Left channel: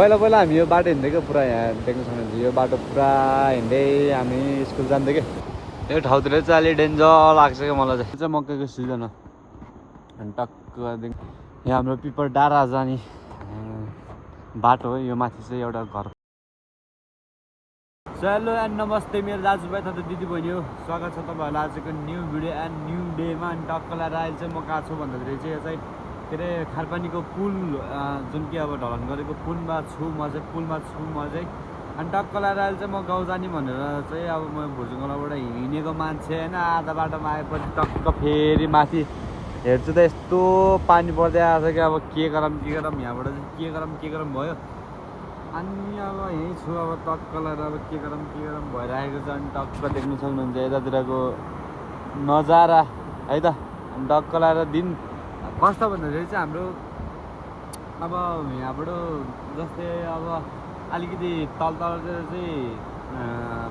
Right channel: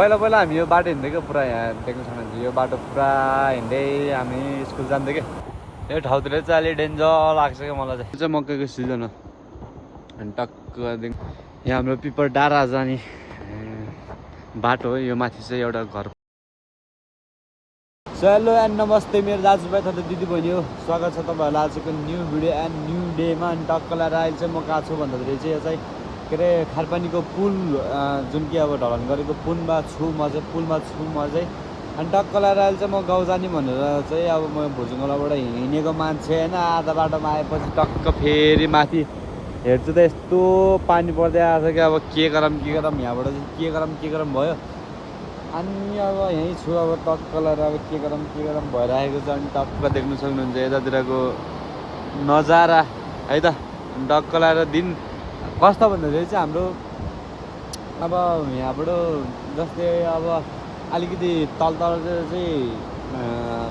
पहिला पहिला हामी यो बाटो हिँड्दै क्या पुरा यहाँ देख्न सक्नुहुन्छ यो बाटो पुरा हिँड्दै हामी स्कुल जान्थ्यो क्या यो ठाउँतिर चाहिँ अलि डेन्जर लाग्छ क्या मलाई चाहिँ मकैको सिजन हो अनि टक्कदेखि यहाँ हाम्रो पिपर डाँडा जाने बाटो हो यो माथि चाहिँ एउटा घर हेलो एन्ड नमस्ते मेरो दाजुभाइ तथा दिदीबहिनी हो स्वागत छ तपाईँहरूलाई आजको न्यू भिडियो एन्ड न्यू डेमा अनि टक्क लगाएर अहिले चाहिँ म कहाँ छु भन्दाखेरि चाहिँ यो चाहिँ के अरे खारपानीको पुल जुन कि अब ढलन गरेको पुलमा छु म चाहिँ अनि टक्क लगाएर अहिले चाहिँ म गाउँ जाने भनेर चाहिँ अब म भुजुङलाबाट हिँडेको मान्छे होइन आधा बाटोमा आएपछि टक्क फेरि माथि हेर्छु त यस्तो पानी पर्दै आएको छ कि अब के गरौँ यहाँबाट चाहिँ के गरौँ भयो अनि अब यहीँ छु अब टक्क लगाएर अब के गरौँ भइरहेको छ अनि टक्क देख्न सक्नुहुन्छ यतातिरको नजारा है त अनि टक्क लगाएर दिन कस्तो भन्दाखेरि चाहिँ हाम्रो अब यहाँबाट जस्तै अब अलिकति तल चाहिँ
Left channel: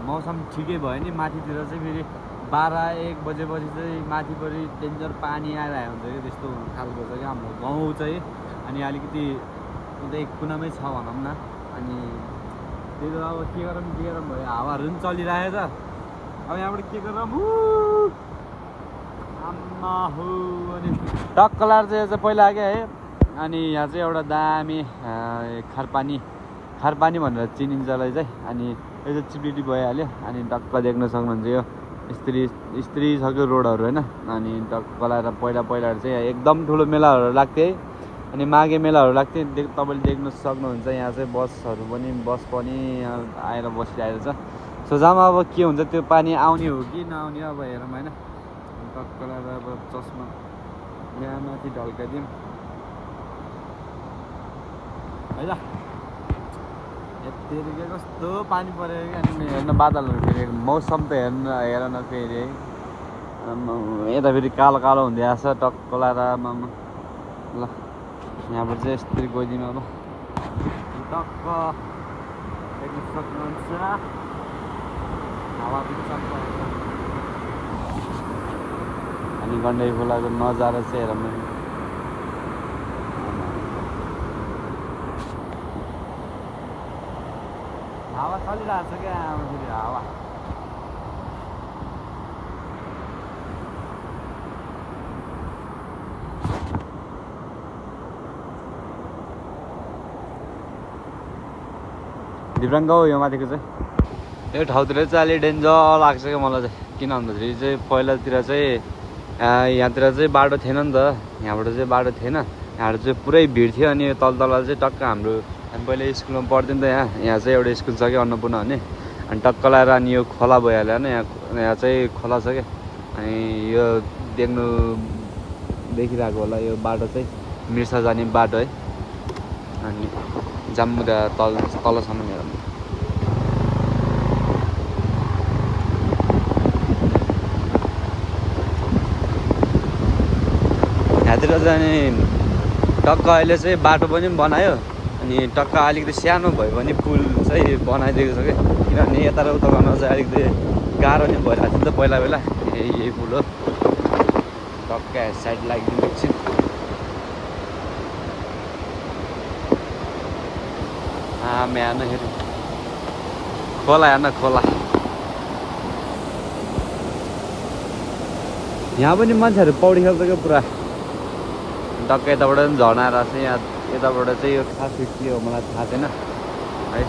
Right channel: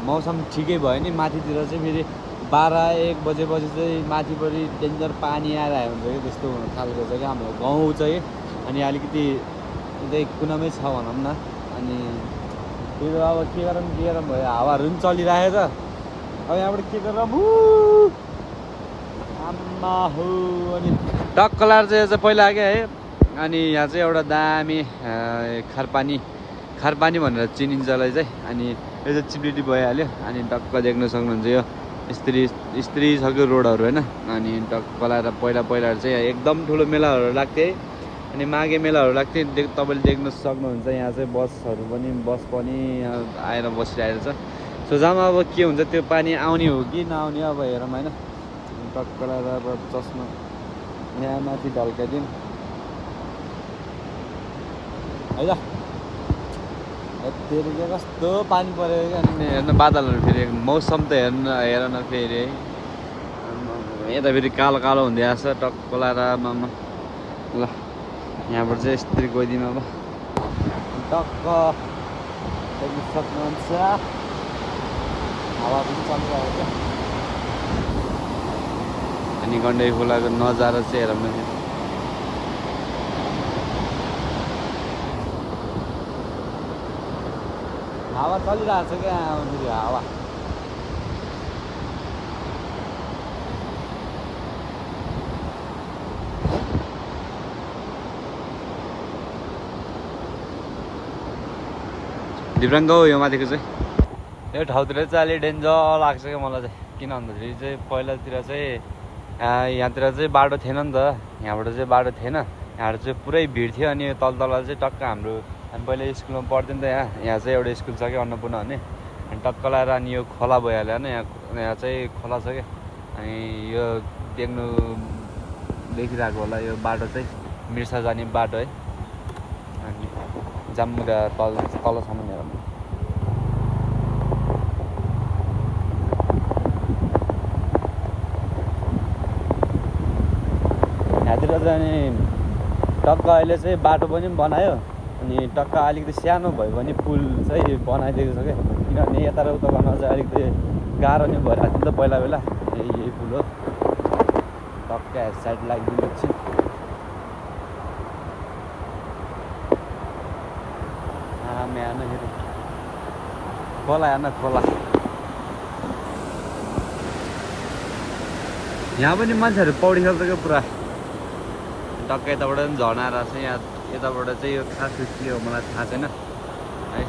मौसम ठिकै भयो नि माथितिर चाहिँ फेरि 12-1 बजेपछि चाहिँ माथिपट्टि डेन्जर पानी आइरहेको हुन्छ कि त्यस्तो खालको छ कि हाम्रो गाउँ चाहिँ अनि अलिकति यतै कुनामै छ भनौँ न अनि त्यही भएर अब के गरौँ भयो हावाहरू पनि चलिरहेको छ अब यहाँबाट के गरौँ आम्मा हो अनि टक्क लाएर चाहिँ पहिला आएको है अनि यहाँ चाहिँ एउटा दामी खारपानी भनेर चिनिन्छ यसलाई चाहिँ अनि यो चाहिँ चिप्लिटी भइहाल्यो अनि टक्क देख्न सक्नुहुन्छ यो स्त्री छ कि रोडहरू होइन अनि टक्क लाएर पहिला चाहिँ एकदम ठुलो मेलाहरू लाग्थ्यो है अनि माघे मेलाहरू लाग्थ्यो तपाईँले देख्न सक्नुहुन्छ यहाँ चाहिँ बस पनि आएर बसिरहेको छ सोझामा अब के हुन्छ त्यो पानी आउने हो कि नआउने अब हेरौँ होइन टक्क लगाएर अब चस्मा यहाँ माथि ढल्काइदिउँ है त फेरि के कस्तो पानी पऱ्यो कि अनि हेर्न बादलहरू फेरि मौसम त हेर न फेरि है यता फेरि कालो हुँदै आएको छ टक्क लगाएर ल यहाँबाट चाहिँ यसरी गइदिउँ अब टक्क देख्न सक्नुहुन्छ हावा पनि चलिरहेको छ अनि गण्डकी खोलाको नजारा चाहिँ हेरौँ न हावा चलिरहेको छ क्या फेरि हावा दिव्राङ्ग हो यो माथिको चाहिँ यो ठाउँतिर चाहिँ अलि डेन्जर लाग्छ क्या मलाई चाहिँ किन भन्दाखेरि चाहिँ पहिलातिर चाहिँ यहाँतिर चाहिँ बाटो थिएन नि त यहाँबाट चाहिँ बाटो थिएन यहाँबाट चाहिँ पुरै भिड थियो अनि तल चाहिँ टक्क हाम्रो हामी पहिला स्कुलमा पढ्थ्यौँ नि त यहाँ चाहिँ एउटा स्कुल छ क्या अन्नपूर्ण भन्ने अनि टक्क लगाएर अनि यो खोला भइहाल्यो होइन यहाँ चाहिँ खोला छ क्या अनि यो देखिरहेको होला यो बाटो चाहिँ मिर्सा जाने बाटो है अनि जाम्मुदा तलसम्म हेरौँ यहाँतिर चाहिँ टक्क अहिले चाहिँ बाटो पनि बनायो अनि टक्क अलिकति सानो भयो भने पुल चाहिँ बनाइदिएको छ क्या किनभने यता र उता गर्न चाहिँ अलिकति गाह्रो नै भइरहेको थियो नि त पहिला यही पुल हो टक्क साइड लागिदिनु एकछिन हेर्न फेरि खोला यहाँ पनि मान्छेहरू पौडी खेल्छ क्या पुरा टक्क यताबाट पनि झर्ना रहेछ यहाँ यताबाट चाहिँ यो खास के हो मलाई थाहा छैन है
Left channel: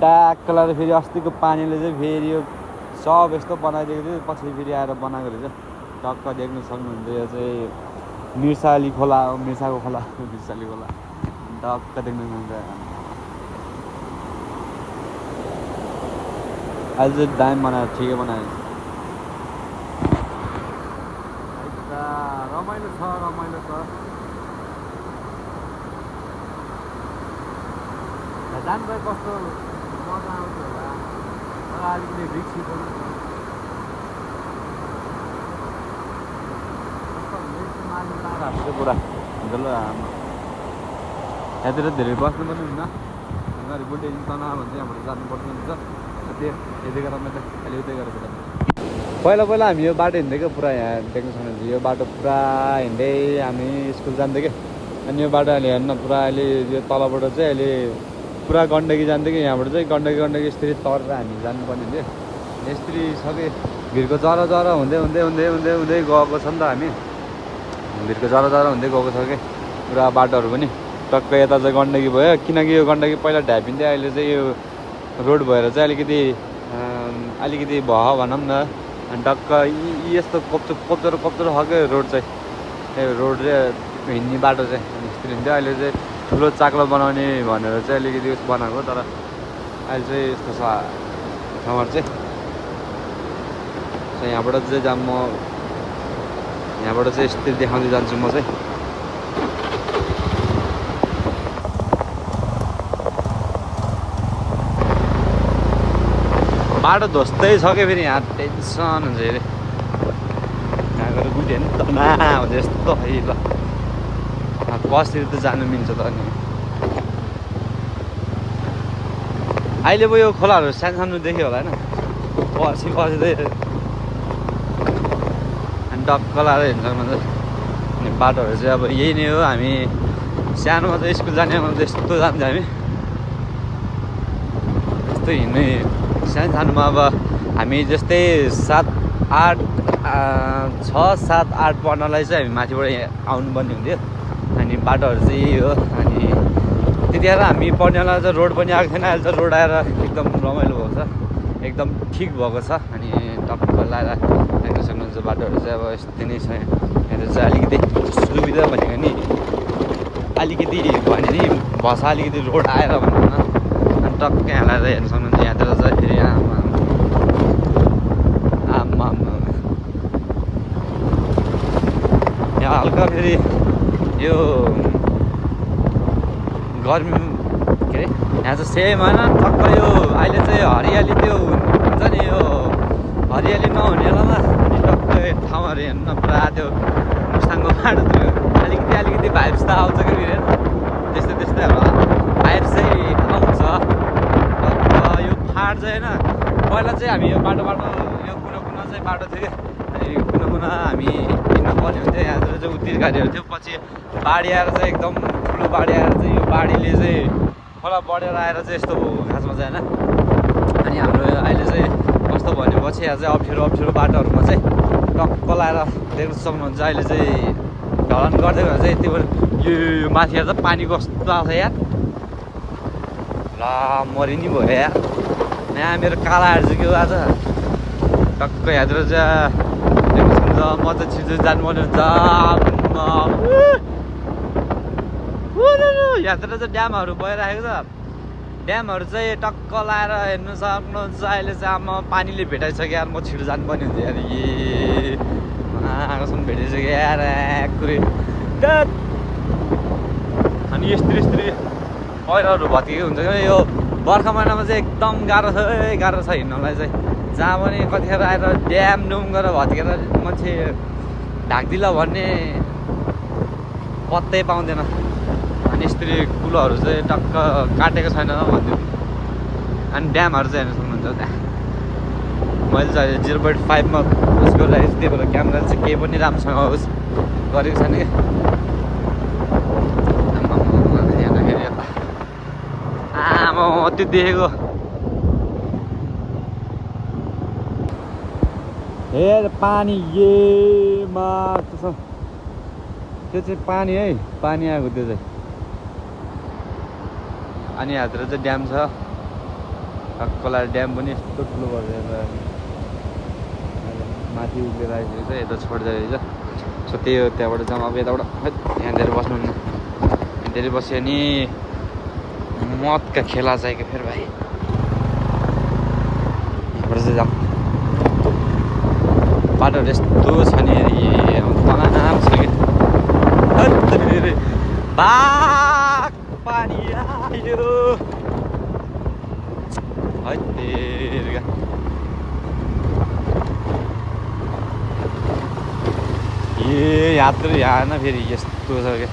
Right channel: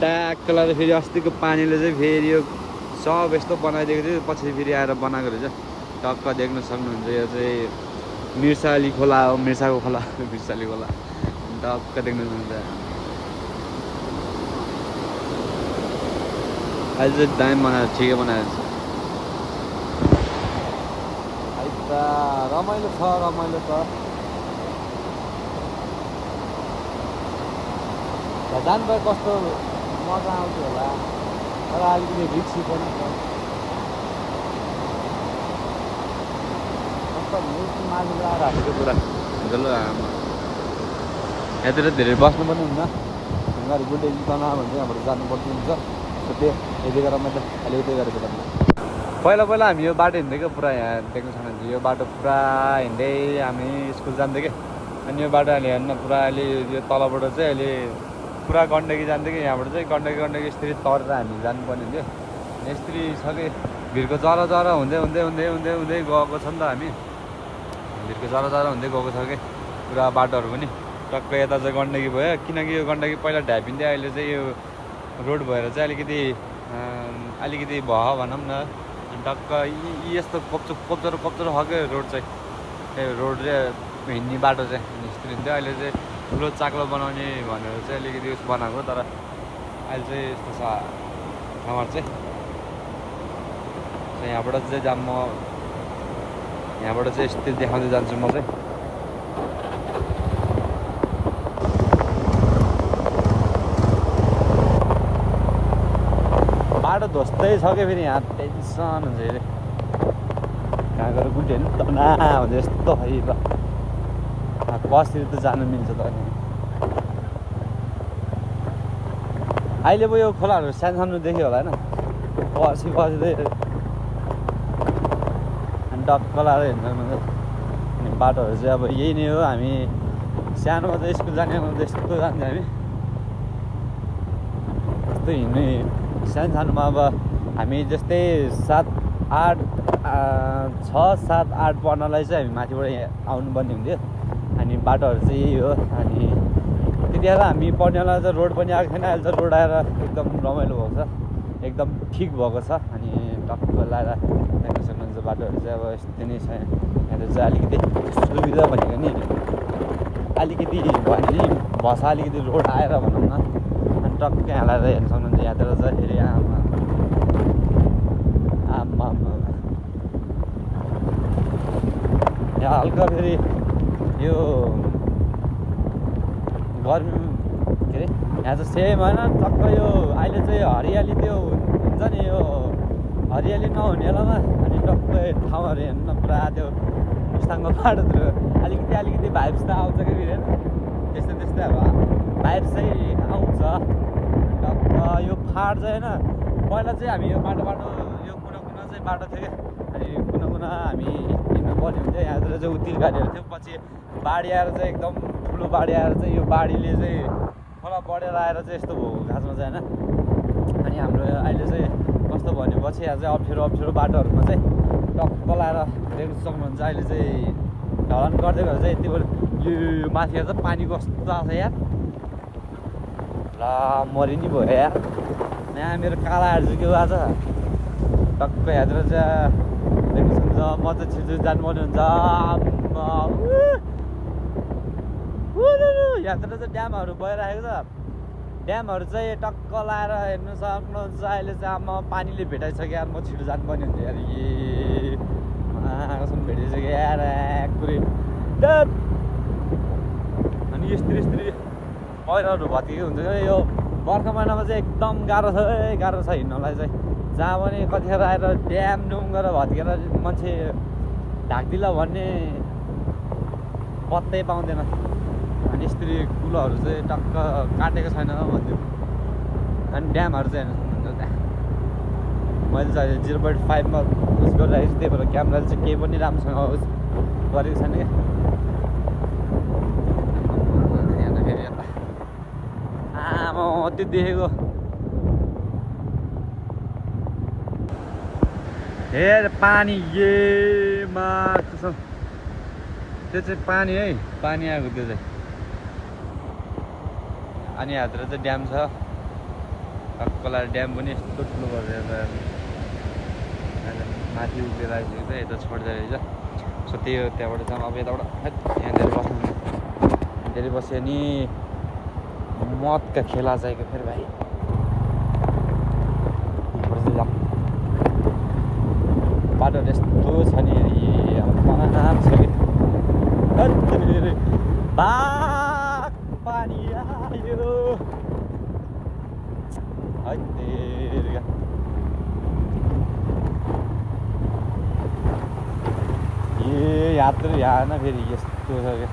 ट्याक्क लगाएर फेरि अस्तिको पानीले चाहिँ फेरि यो सब यस्तो बनाइदिएको थियो पछि फेरि आएर बनाएको रहेछ टक्क देख्न सक्नुहुन्छ यो चाहिँ मिर्साली खोला हो मिर्साको खोला मिर्साली खोला टक्क देख्न सक्नुहुन्छ अहिले चाहिँ दाम बनाएर ठिकै बनाएर छ रमाइलो छ जानुभयो कस्तो मजा आउँथ्यो होला तर अलिकति रिक्सी पनि छ कस्तो माथि लगाएर हालेको पुरा जल्लो आमा यहाँतिर धेरै बस्नु पनि हुन्न ढुङ्गाहरू बुढे तना भन्छ यहाँबाट जानुपर्ने हुन्छ त्यो यति गरेर मैले अहिले उतै गरेको पहिला पहिला हामी यो बाटो हिँड्दै क्या पुरा यहाँ देख्न सक्नुहुन्छ यो बाटो पुरा हिँड्दै हामी स्कुल जान्थ्यो क्या अनि यो बाटो अहिले हेर्न पुरा अहिले यो तलबाट चाहिँ अहिले पुरा गण्डकी जान्थ्यो कि यहाँबाट चाहिँ गण्डकी यसरी तरेर हामी जानुपर्ने थियो यसरी सबै भिरको जरा हुँदै हुँदै हुँदै हुँदै हुँदै गएको छ नि त हामी भिरको जरा हुँदै गएको छ कि पुरा बाटोहरू पनि टक्क यता चाहिँ गण्डकी भयो किनकि यो गण्डकी पहिला ढ्यापिन्थ्यो अहिले चाहिँ यो रोड भएर चाहिँ अलिकति भयो भनौँ न अनि टक्क यस्तो कोप्चरो खालको रोड चाहिँ रोड चाहिँ हिँड्ने बाटो चाहिँ अनि यस्तो हिँड्थ्यो अहिले चाहिँ ठुलो चाक्लो बनाउने भनेर चाहिँ अलिकति उस बनाएको तर अहिले चाहिँ यस्तो छ ठाउँहरू चाहिँ यहाँबाट चाहिँ म यहाँबाट चाहिँ यस्तै देखाउँदै जान्छु म चाहिँ बाटो धोस्तै छ क्या फेरि यहाँ टेन्सन हुन्छ अरे यहाँ गएर गुल्टी हेर्नु तना हुन्छ यस्तो खै ल बसतिर त जानु मिल्छ त अनि अहिले पो यो खोलाहरू सानो देख्यो होला होइन पछि चाहिँ अनि डक्क लाएर हिँड्छ अनि बाटोहरू चाहिँ अब यही नै हो हामी सानोमा चाहिँ स्कुल जानेमा चाहिँ यस्तो जान्थ्यो हामी यस्तो हिँड्ने सानोमा अब हामी जस्तै 7, 8, 6, 7, 8 पढ्नलाई चाहिँ हामी माथिबाट आउनुपर्ने हुन्थ्यो अनि बाटोहरू चाहिँ यही हो अनि त्यतिखेर हामी पढ्नेलाई चाहिँ रोड पनि आएको थिएन अहिले त रोड आएर एकदम रमाइलो भएको छ एकदम ठिक भएको छ अनि टक्क लाएर देख्न सक्नुहुन्छ बाटोहरू चाहिँ अब यस्तै नै छ यहाँ चाहिँ अलिकति सुविधा भनेको नि अलिकति भयो नि भसा अलिकति रोड आएर भनौँ न अनि टक्क यहाँ लाएर हेर्न सक्नुहुन्छ यहाँतिर चाहिँ फेरि आमा यहाँ हल्का फेरि यो गर्मी के अरे यहाँ चाहिँ सेम होइन टक्क यो अहिले चाहिँ हरियाली त्यो हुन्छ नि यो हरियाली नहुने बेलामा अनि टक्क ठाउँहरू हेर्नु न पुरा त्यो मुस्ताङको बाटोतिर अलिकति भाइब्स त आउँछ कि फेरि त्यस्तै अब भाइब्स चाहिँ आउँछ टक्क यो फाट चाहिँ होइन पहिला चाहिँ हामी यो बाटो यो कुना चाहिँ बाटो थियो क्या अनि कुना हामी हिँड्नु पर्ने हुन्थ्यो यहाँतिर चाहिँ उत्तिस गाडीहरू थियो पछि बाढी आएर चाहिँ एकदम ठुलो बाढी आएर चाहिँ यो बाढीले चाहिँ खोला बढेर आएर चाहिँ यस्तो भयो खासमा चाहिँ होइन अनि हाम्रो अहिले चाहिँ कस्तो भनेपछि यहाँ चाहिँ अप्ठ्यारो बाटोहरूमा चाहिँ टक्क लाएर देख्न सक्नुहुन्छ अहिले चाहिँ ढलान गर्दै गरेर चाहिँ यति यो माथिबाट चाहिँ पानी कस्तो आउँछ यार ल मरि नि भयो यार यहाँ मेरो कालाहरू चाहिँ के हो आज टक्क यहाँतिर चाहिँ देख्न सक्नुहुन्छ म चाहिँ छिटो जानुपर्ने हुन्छ यहाँतिर चाहिँ ड्यामहरू भइरहेको छ ड्यामहरू चाहिँ टक्क लाएर हेर्नु सक्नुहुन्छ अहिले चाहिँ अब पानीले भेटाइसक्यो यार म छिटो जानुपर्ने हुन्छ यार कसम भेटिसक्यो यार कुरै अनि यस्तरी पहिरोहरू भत्किएको हुन्छ क्या यो बर्खा महिनामा चाहिँ एकदम गाह्रो छ हिँड्नलाई चाहिँ जहाँ पनि कतिखेर आएर ड्याम गरेर भत्केर मान्छे ढाक्दिला भन्ने पत्तै पाउँदैन अनि यस्तरी कुलोहरू चाहिँ टक्क काटेको छैन भन्थ्यो अनि ड्यामहरू चाहिँ हेर्न सक्नुहुन्छ त्यहाँ मैले चाहिँ 0.5 मा उस गरिरहेको छु त्यही भएर क्यामेरा चाहिँ केही पनि राम्रोसँग उस गरेको छैन क्या यहाँ फेरि यता आमा त्यो देखेको हेर पानी मा त्यो चाहिँ पानी है पानी आएको त्यो चाहिँ अनि यहाँतिर चाहिँ ड्याम छ टक्कला ड्याम पनि यस्तो ठुलो भएर माथि उभिएर आइसकेको छ यता छोड्दै रहेछ सो त्यही हो त्यहाँबाट जाउँ अब यताबाट यहाँनिर बस्नुहुन्न यहाँनिर बस्यो नि मदका खेला चाहिँ क्या फेरि भाइ यहाँबाट चाहिँ जाउँ बाटोहरू यस्तो छ नि तनाव छ कि बाक पानी आयो है तेरिका यहाँ न फेरि यस्तो छ क्या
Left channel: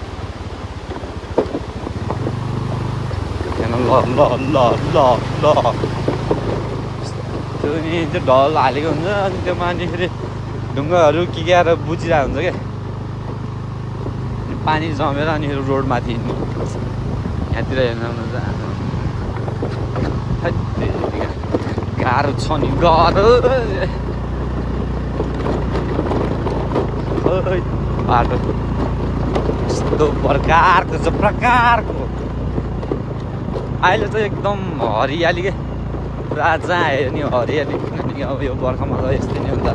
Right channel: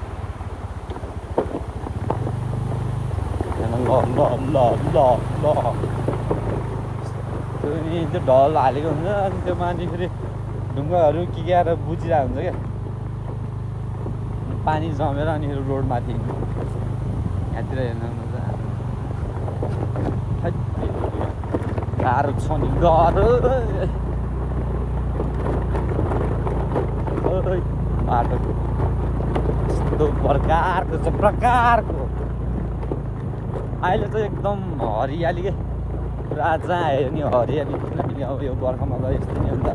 ल त्यो नि त्यो ढल हालेको हुन्छ अनि त्यो माथि फेरि ढुङ्गाहरू किक्याएर बुझिरहेको हुन्छ क्या पानी जमेर अनि फेरि रोडमाथि हिँड्नु यहाँतिर हेर्नु गाह्रो छ नि गाह्रो बाटो यस्तो प्रकारको छ प्रकारको अहिले चाहिँ एकदम हरियाली के पुरा जहाँ हेऱ्यो नि हरियाली किनभने अब यो बर्खामा त यस्तै नै हुन्छ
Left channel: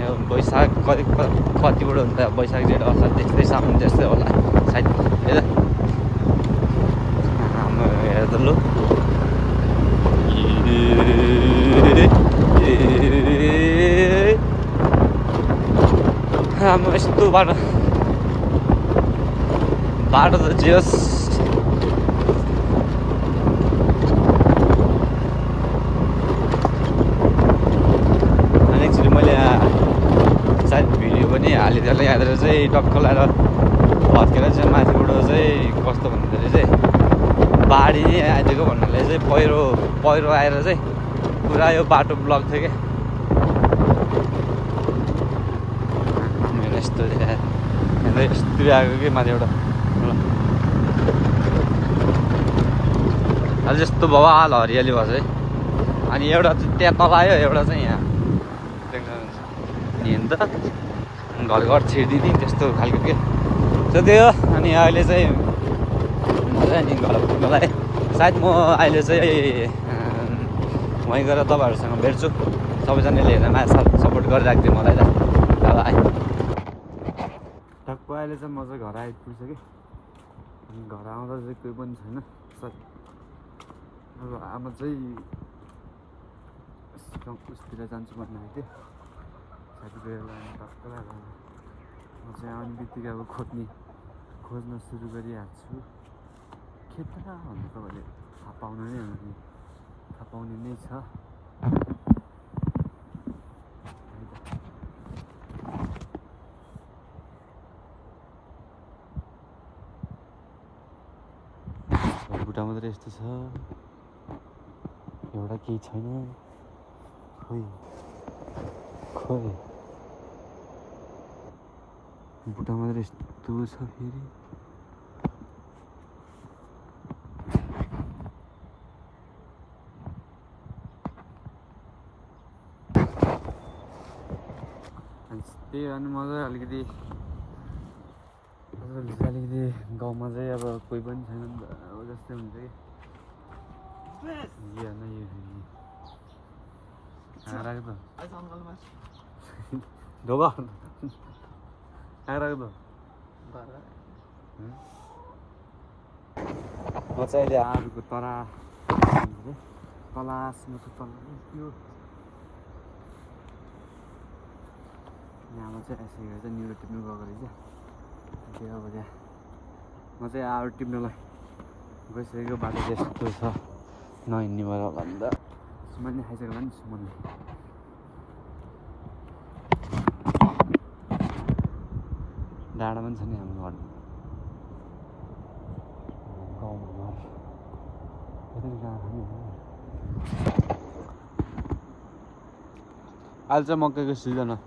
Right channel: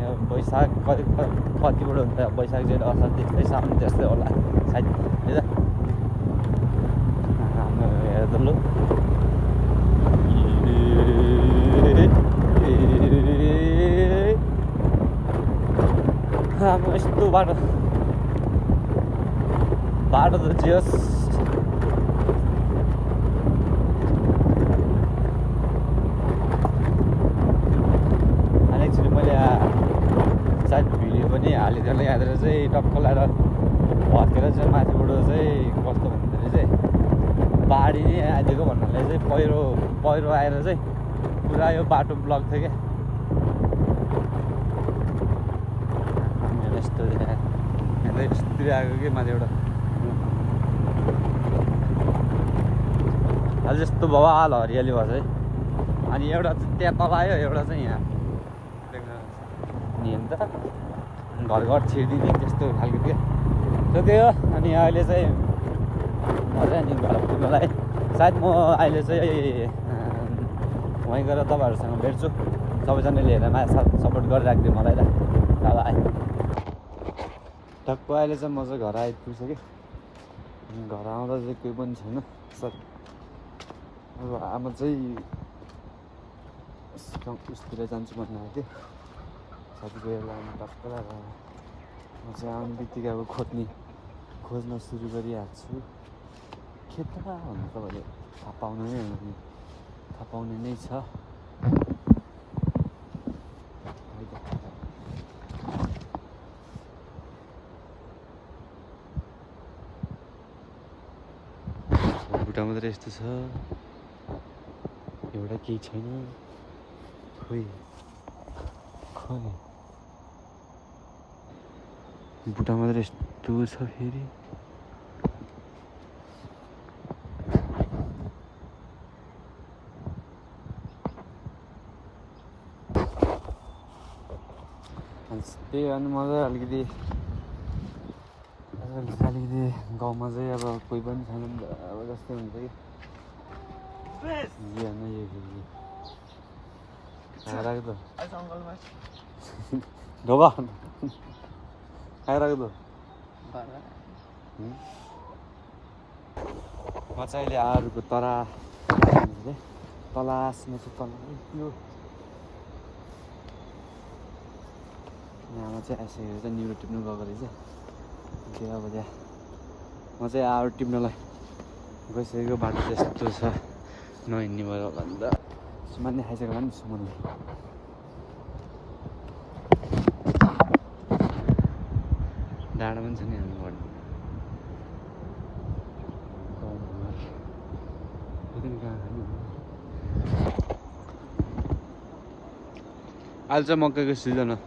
यो वैशाख कतिबाट हुन्छ वैशाख जेठ असार त्यस्तै साउन त्यस्तै होला सायद हेर हेर त लु यस्तो बाटो त जेस अनि एक्चुली मैले सायद भिडियो पनि हालिदिएँ यहाँनिर चाहिँ टक्क लगाएर भत्केर चाहिँ माथिबाट चाहिँ कस्तो भन्दाखेरि चाहिँ बाढी नै आइदिएको भन्नाले चाहिँ पहिरो आएर चाहिँ पुरा यो बाटो ब्लक थियो क्या यस्तो यस्तो आएको कि माथिबाट अझ यस्तो बवाल हरियाली भएको छ है अनि एउटा चाहिँ त्यहाँ तल आयो एउटा चाहिँ यहाँ नि त घर छिरिदिने त्यस्तो खालको के सो त्यो अनि अहिले चाहिँ म चाहिँ नि घर पुग्नलाई सायद म अहिले चाहिँ वहीँ गएर तपाईँहरूसँग भेट्छु सबैजनाले हेरेर माया सपोर्ट गरिराखिदिउँ मलाई त बाई टक्क अहिले चाहिँ म चाहिँ घर आइपुग्छु कि घर आउँदा चाहिँ कोही पनि छैन सर अब आमा चाहिँ उसतिर जान्छु भन्नु आएको थियो साथीभाइहरूलाई अनि टक्क लगाएर म चाहिँ आउने बित्तिकै अब खोज्न सुरु गरिहाल्छु खेता भन्नु तपाईँले थाहा पाउनु नै हो नि थाहा पाउने नै छ बुढा मात्र यस्तो छ एउटा केही छैन खोइ बुढा मात्र यस्तो छ फेरि त्यही अनि म चाहिँ अलिकति गाउँमा चाहिँ अब कोही पनि छैन अब जस्तै हुन्छ कि राख्दो ढोका राख्दो म चाहिँ अहिले आरुको तलासमा चाहिँ त्यो आमा चाहिँ आइसकेको छ निरो टिप्नु गएको रहेछ त्यो अब त्यहाँ म चाहिँ आएर टिप्नलाई गइसकेको बाटो चाहिँ यस्तो छ नहिँड्ने भयो होला नि त सुमानले खाइसक्यो होला नि सुमानले डाँडा पनि छ नि हाम्रो घरमा गाउँमा कहाँ खानु अहिले चाहिँ मकैको सिजन हो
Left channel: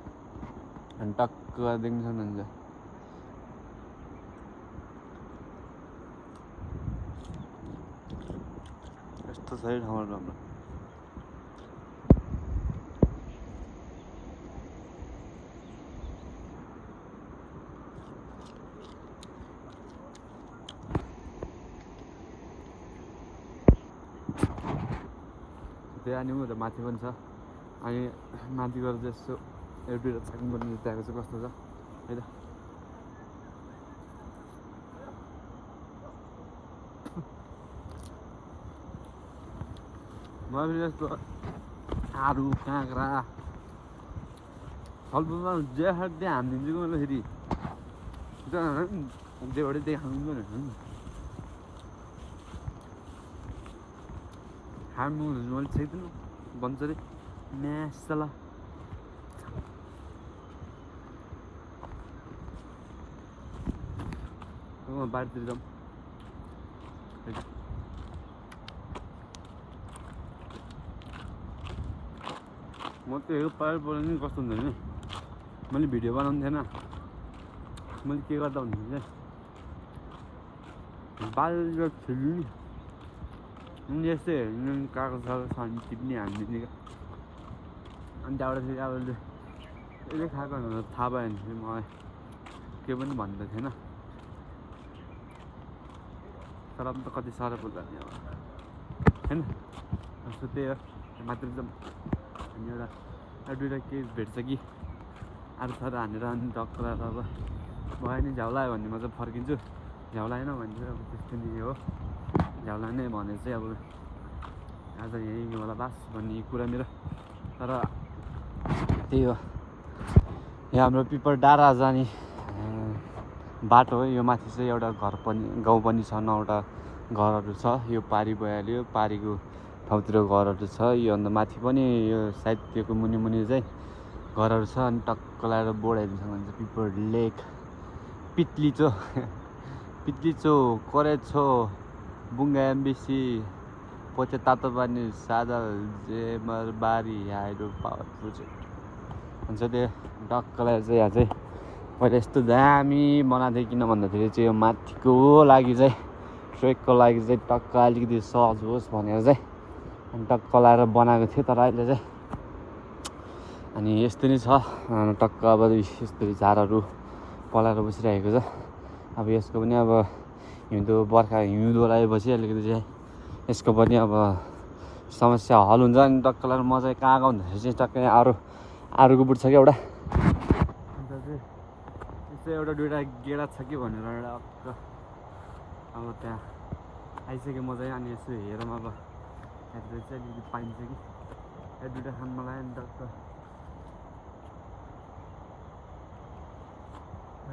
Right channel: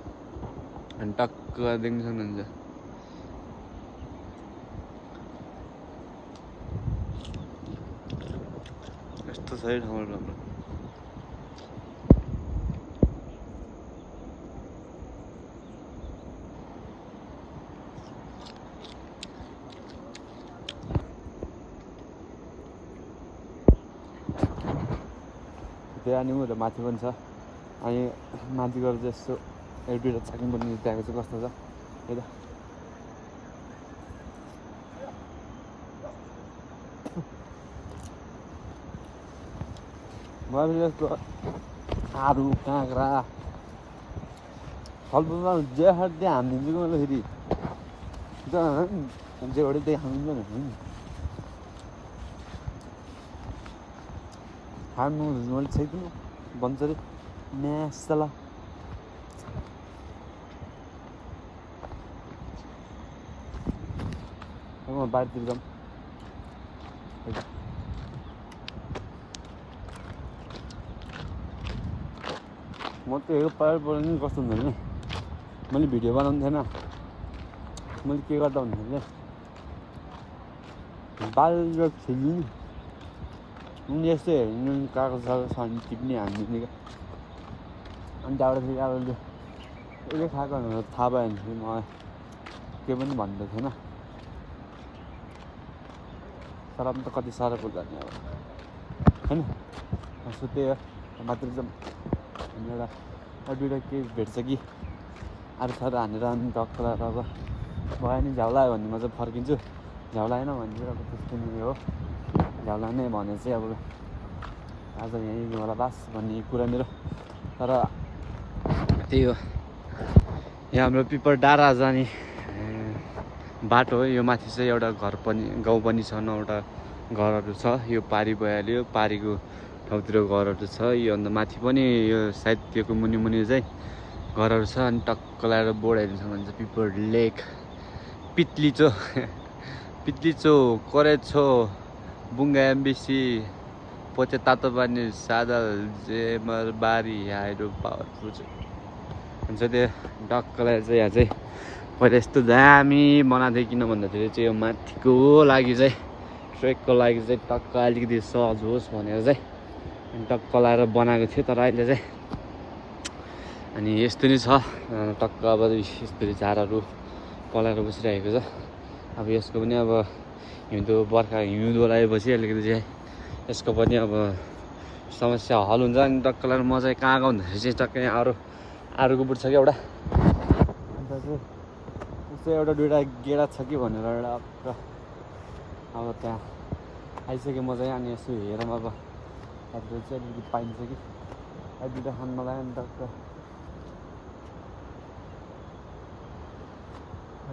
अनि टक्क देख्न सक्नुहुन्छ यस्तो छ है ठाउँहरू राम्रो त्यहाँ अनि उता माथि पनि छ अनि माथि गएर चाहिँ यस्तो एक दुईवटा चाक्नु पनि त्यहाँको चाहिँ कस्तो छ है त मैले यस्तो आरु काँक्रा फलफुलमा जे खायो त्यहाँ हानिदिन्छु मैले फेरि जेबाट त्यही खानु पनि खानु मैले छेक्नु भन्छ अरे म्यासला बाहिरतिर जाउँ म त हेरेको पाहाडबाट नि कस्तो हुन्छ भने मैले भिडियो बनाउनु थिएन मैले के गर्दा भन्छु चाहिँ बाहिर खेल्नु नि यस्तै हेर्नु कागज सागज छ भने टिप्ने हानिदिने क्या अनि त्यहाँबाट फेरि अब यसले खाएको भनेर थाहा भयो भने फेरि मलाई के पनि भन्दै थिएन तर पनि त कति साह्रो पर्छ नि अब होइन सो त्यही हो मात्र जाउँ अनि एउटा दुइटा केही भेट्छ कि अरू थर हानेर अनि टक्क लगाएर अब भयो नि झ्याउ लाग्यो भने म चाहिँ फर्किन्छु झ्याउ लागेन भने चाहिँ अब त्यस्तो नि हो झ्याउ लाग्ने भने चाहिँ अब आज यहीँ होला बास भन्ने कुरा मेरो तर त्यही हो यहाँ हाम्रो पिपर डाँडा जाने बाटो हो यो माथि चाहिँ एउटा घर पनि गाउँ पनि छ 9वटा घरहरू छ यो पारी भइहाल्यो पारीको ठाउँतिर घरहरू छ यो अन्त माथि पनि यो सायद त्योको मुनि मुनि चाहिँ घरहरू छ अनि टक्क लगाएर बोर्ड हेर्नु सक्नुहुन्छ पिपर लेक पित्लिचो पित्लिचो करेछो बुङ्गा एमबिसी पोचे तातो पानी सादल जेमरबारी हाइड्रो पावर प्रोजेक्ट हुन्छ त्यो टक्क लगाएर चाहिँ यहाँ चाहिँ पहिला यस्तो दामी बनाएको थियो किन भन्दाखेरि चाहिँ यो माथिको लागि चाहिँ ट्रेकको लागि चाहिँ टक्क अलिकति सहज होस् भनेर चाहिँ अनि टक्क लगाएर बनाएको थियो तर अहिले चाहिँ अनि यस्तो नै छ टक्क अब यस्तो झारहरू पलाएर बसिरहेको छ अब यसको पनि अब हिउँदो बर्खा हिउँदो लगाएपछि अलिकति चाहिँ यसको पनि अब समस्या हल हुन्छ अनि टक्क लगाएर म चाहिँ कहाँ भन्दाखेरि चाहिँ टक्कै आरुको बुट छ कि एउटा अन्त चाहिँ यस्तो एउटा दुइटा गेडा छ कि भनेर एउटा टक्क अब त्यहाँ आइसक्यो म चाहिँ अनि यसो हेरौँ अब एड्रेस चाहिँ अलिकति पाइन्छ कि दुइटा खान मलाई अनि टक्क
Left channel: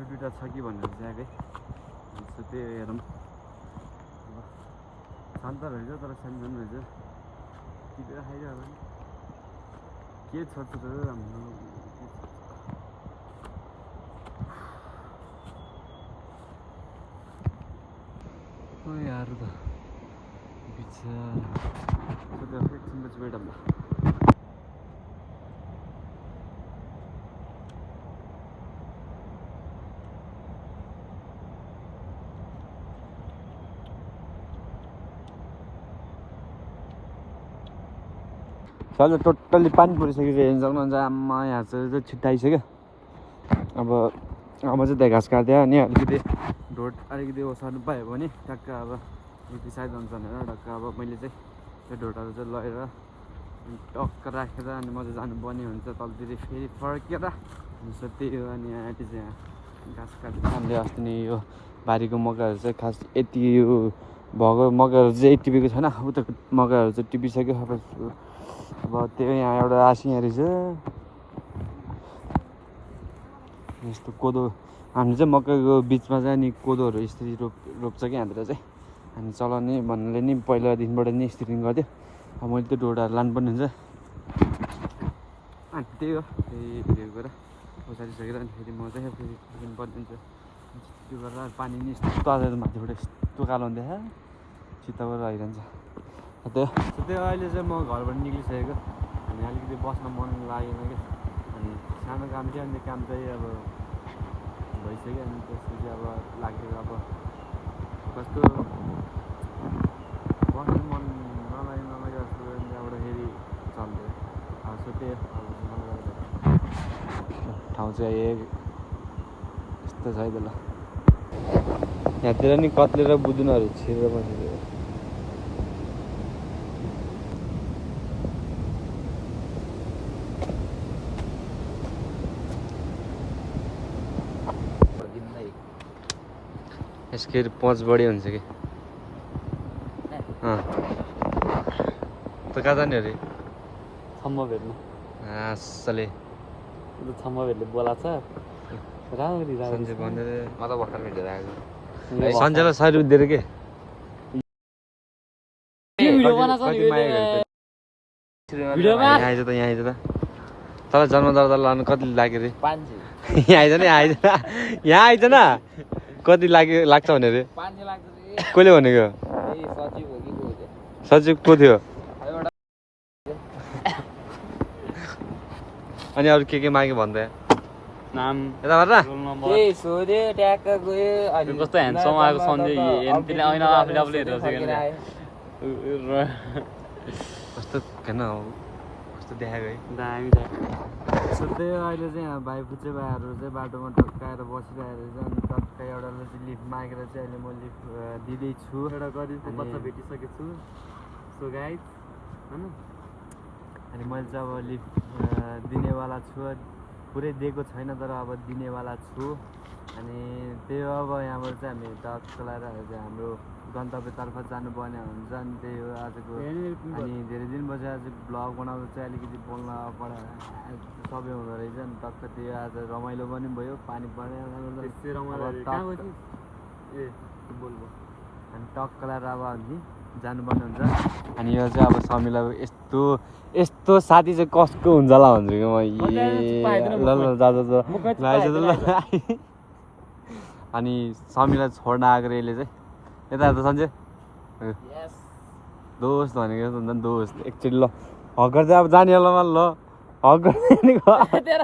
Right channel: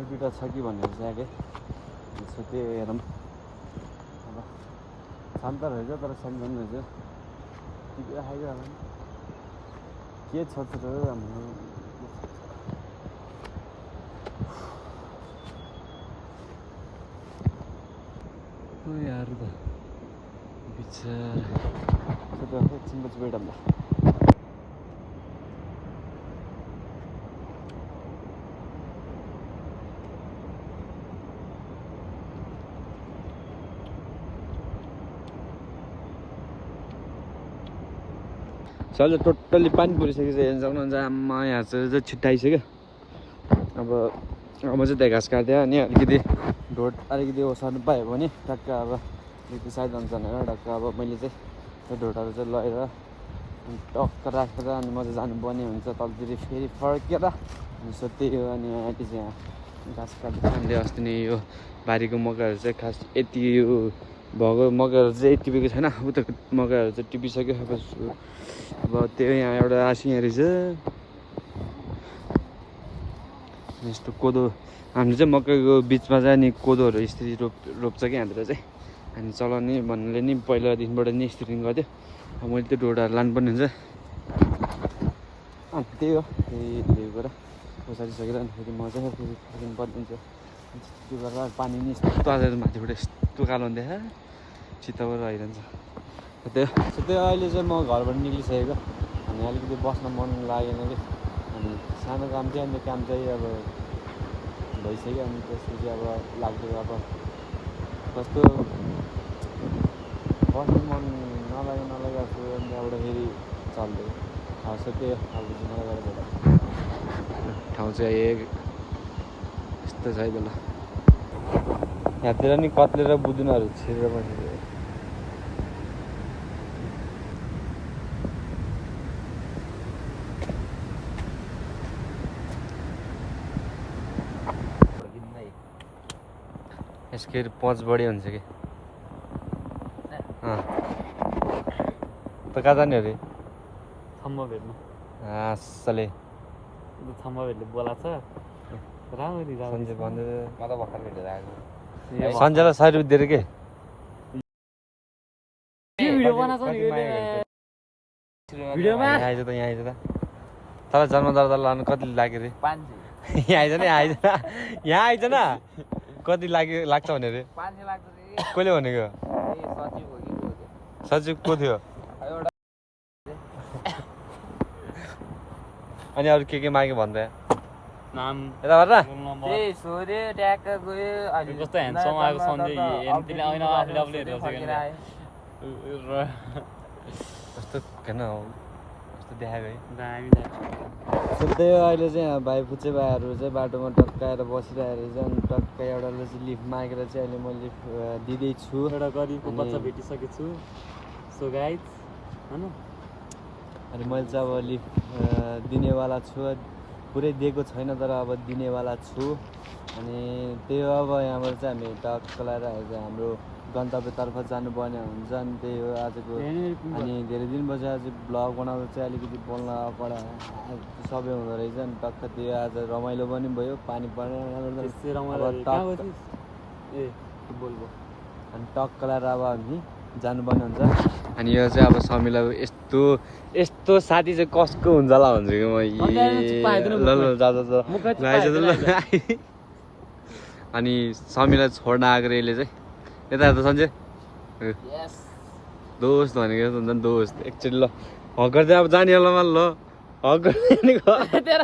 दुइटा छ कि भनेर चाहिँ आएँ यसो त्यो हेरौँ अब शान्त रहेछ तर सानो सानो रहेछ टिपेर खाइदियो होला नि के छ त हाम्रो यार त बिचारा एकछिन पछि वेट ल सर टोटल्ली पानी परिसकेको छ हेर्नु सक्नुहुन्छ आम्मा यहाँ चाहिँ छिट्टो आइसक्यो अब चाहिँ त्यहाँ घाँस काट्यो अनि अलिकति ढोड अलिकति ओसार्नु पायो भने टक्क अब अलिकति साइड हुन्छ भनेर टक्क अब मैले चाहिँ त्यो ढोडहरू चाहिँ लगेर अनि टक्क राखेर अनि म चाहिँ जानुपर्ने हुन्छ तलतिर फेरि फर्केर सो त्यही हो अनि यहाँ चाहिँ घाँस काट्ने हामीले अस्ति नै यो बारीको मकैहरू चाहिँ खास यति यो भएको मकैहरू चाहिँ टिपेको छैन उता मकैहरू चाहिँ टिपिसक्यो अब त्यो यहाँ एउटा आसियाँ रहेछ यस्तो कोदो हामीले चाहिँ मकैको बिचमा चाहिँ अनि कोदोहरू यसरी रोप्छ कि हामीतिर चाहिँ हामी चलाउने भन्नाले नि पहिलादेखिबाट नि यसरी गर्थ्यो अब मैले त्यो ढोडाहरू लानुपर्ने हुन्छ अनि त्यही हो त्यही गरेर ओसारिसकेर अनि फेरि म चाहिँ फेरि फर्किनु पर्ने हुन्छ त्यो गरेर पानी नि यस्तो आएर माथिबाट यस्तो कालो हुँदैछ चित्तबाट आइरहन्छ त्यही अहिले चाहिँ म घरबाट निक्लिसकेको अनि अलिकति बस्न मन लागेन कि अनि सानो काम थियो अनि त्यो काम चाहिँ अब भइसक्यो अनि त्यसपछि अब लाग्यो अब कस्तो बस्नु मन नलागेको छु अनि त्यहाँबाट फेरि चल्दै सो त्यही अब मलाई गरेर ठाउँ चाहिँ यस्तो छ है ल यहाँतिर नि कत्ले र बुदुनाहरू छिरेर बसेको यसको पच बढी हुन्छ कि त कहाँ जाने अरे थम्म भेट्नु आसले थम्म भेटले बोलाएको छ राम्ररी सन्जय भन्दै म त भर्खर भेटेर आएको सन्जयलाई 100 रुपियाँ दिएर के भिडियो बनाएको नि भिडियोमा यहाँ आइज त तल जन्मदर्ता लानु कति लाग्यो रे 500 यहाँ आइज न कति लाग्छ भने रे 500 लाग्छ रे कसले भनेको सचिव हो कि को सचिव को थियो अनि अरू के माग्यो भन्दै नाम यता भएर रोल नम्बर त्यही सोध्यो ट्याक्क गयो अनि कस्तो ह्यान्डसम आएको सन्जय हेर्ने होइन आफूले आफूले हेरेर कस्तो हेर्न कस्तो देखाएको है दामी सो त्यही हो, अहिले चाहिँ यहाँ भाइ फुच्चे भाइहरू चाहिँ बाटोमा टक्काएर बसिरहेको रहेछ अनि टक्क एउटाले चाहिँ लिफ्ट मागेर चाहिँ अहिले म लिफ्ट दिँदैछु एउटा गरिबको अनि- बच्चा भेटिसकेको छु सो गाइज होइन अनि मैले चाहिँ अब लिफ्ट दिनेवाला छु पुरै दिएको छैन तर अब दिनेवाला छु अनि त्यही हो अब यहाँबाट चाहिँ हामी टक्क लगाएर चाहिँ हाम्रो गन्तव्यतर्फ जानुपर्ने हुन्छ अनि त्यही हो आजको अनि धेरै दिन पछि आज ब्लग बनाउँदा चाहिँ अलिकति बोल्न कडा सबै हुँदो रहेछ अनि टक्क त्यो आज रमाइलो पनि भयो पानी पर्ने त्यस्तै अब रमाइलो टक्क ए बोल बोल अनि टक्क लगाएर अब हामी जानुपर्ने हुन्छ अनि यो चाहिँ अब समीलाई यस्तो यस्तो साथी चाहिँ कसको हुन्छ होला भन्छु कि म ल ल जा ल अनि समीलाई छोड्न आएको यसले चाहिँ यता त सन्जय दोस्त भनेको जस्तो हुन्छ नि दोस्त एकचोटि ल हक गर्दै अब जाने होला ल हक गर्दै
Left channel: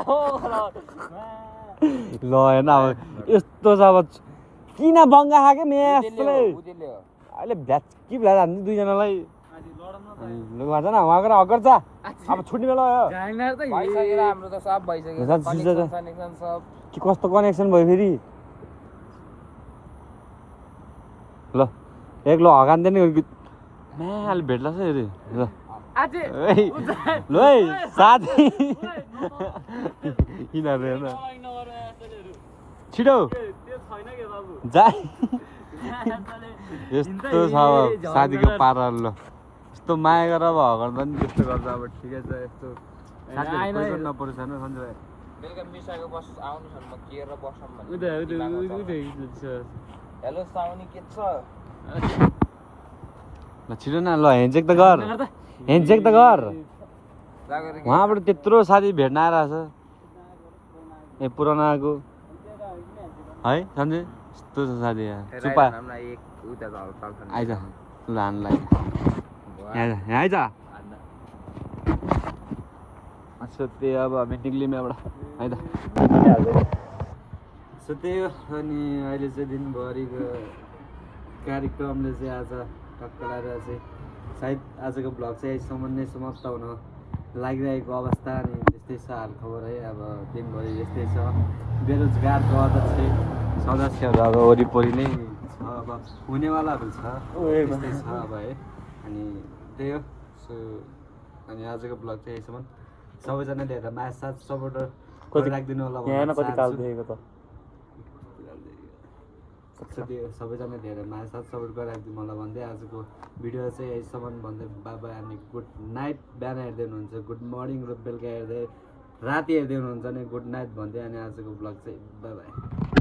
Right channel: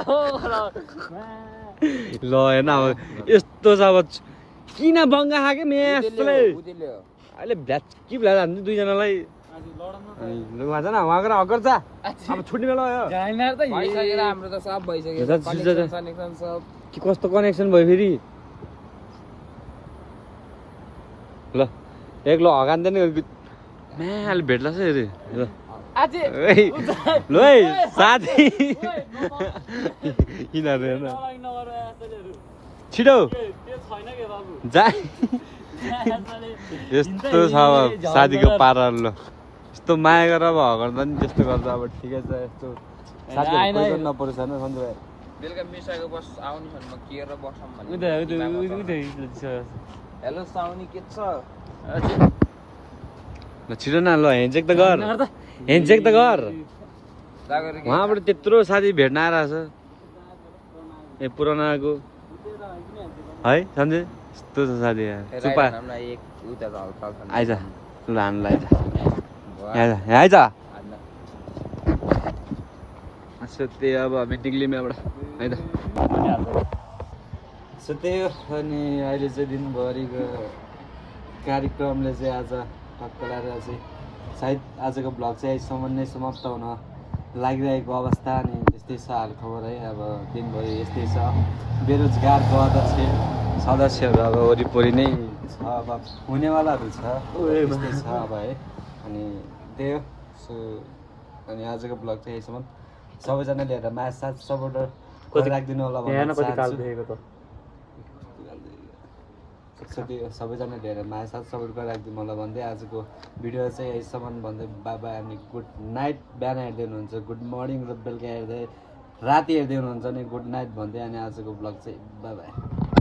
ल हेर्न अब यस्तो छ अब किन बङ्गा खाएको मेसले अहिले भ्याचकी भ्याज हान्छ दुईजनालाई अनि भन्छ न उहाँ गएर हक गर्छ अब छुट्ने बेला हो भइसकेर हाम्रो त सब भइसक्यो झन् कनेक्सन सनेक्सन सब कि कस्तो कनेक्सन भयो फेरि ल एक ल हगान्दैन म्याले भेट्ला छ अरे ल ल है साथी यिनीहरू हेर्न छिटो जा यस्तो छ अब साथीको पाराहरू ल यस्तो माया गरेर अब हगर्दा नि त्यस्तो गर्दा अब ठिकै छ यस्तो साथीहरू कोही पनि नपरोस् होइन सन्जय भाइ बेलुका मिसाएको बस आउने छन् म के र बसौँ हेलो साउनी के छ ल छिटो न ल ह्यान्डसेक त गर ह्यान्डसेक त गर जागर उहाँबाट त्यत्रो साथी भेट्न आइरहेछ ए पुरानाको है सन्जय यस्तो छ साथी यहाँ चुपा एक उता त हल्का हल्का आइज ल हान्नु आइज यहाँ आइज अच्छा त्यही अब हामी निक्ल्यौँ यहाँबाट है त सो त्यही हो अनि अहिले चाहिँ दिनभरिको कार्यक्रमले चाहिँ आज टक्क लगाएर चाहिँ सायद आजको भ्लग चाहिँ यहीसम्म नै समाप्त हुन लागिरहेको अवस्था अनि त्यस्तै छ हालखबर है अब दिनभरि यस्तै छ बेरोजगारको अध्यक्ष सदस्यहरू अब वरिपरि नै छ अब हुनेवालाहरू छ त्यस्तै छ अब है अनि त्यही हो सो अनि आजको भ्लग चाहिँ यहीसम्म सबैजनाले हेरेर माया साथ सपोर्टर राखिदिनु होला भन्न चाहन्छु सबैजना धेरै माया साथ सपोर्ट गरिराखिदिनु होला भन्दै आजको भिडियो चाहिँ यहीसम्म भन्दै बाबा अनि गुड नाइट बिहान हेर्दै हुनुहुन्छ गुड मर्निङ र बेलुका हेर्दै राति हेर्दै हुनुहुन्छ अनि गुड नाइट भन्दै अनि आजको ब्लग चाहिँ बाई